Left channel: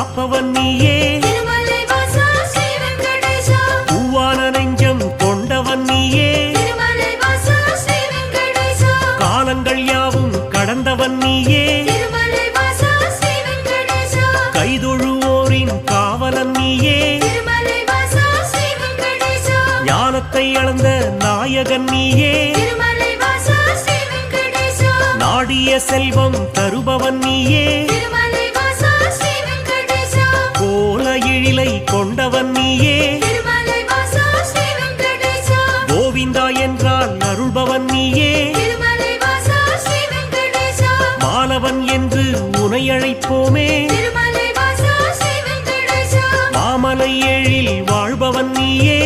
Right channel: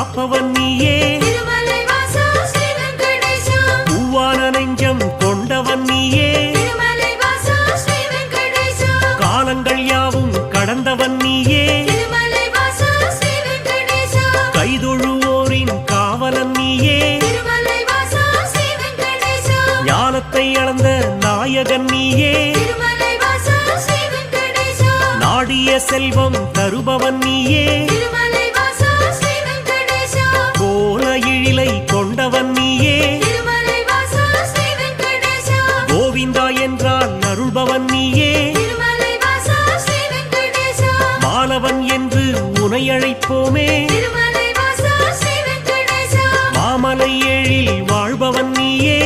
காப்பவன் நீயே, பூவான நெஞ்சம் கொண்டவன் நீயே, காலங்கள் யாவும் கடந்தவன் நீயே, கைதொழுவோரின் காவலன் நீயே, ஞானத்தை அளந்த நாயகன் நீயே, நாடிய செல்வம் தருபவன் நீயே, கோல எழிலை கொண்டவன் நீயே, கோவிந்தா என்றால் அருள்பவன் நீயே, மாலவன் என்று உனை அழைப்போமே, மாமலை எழில் வாழ்பவன் நீயே,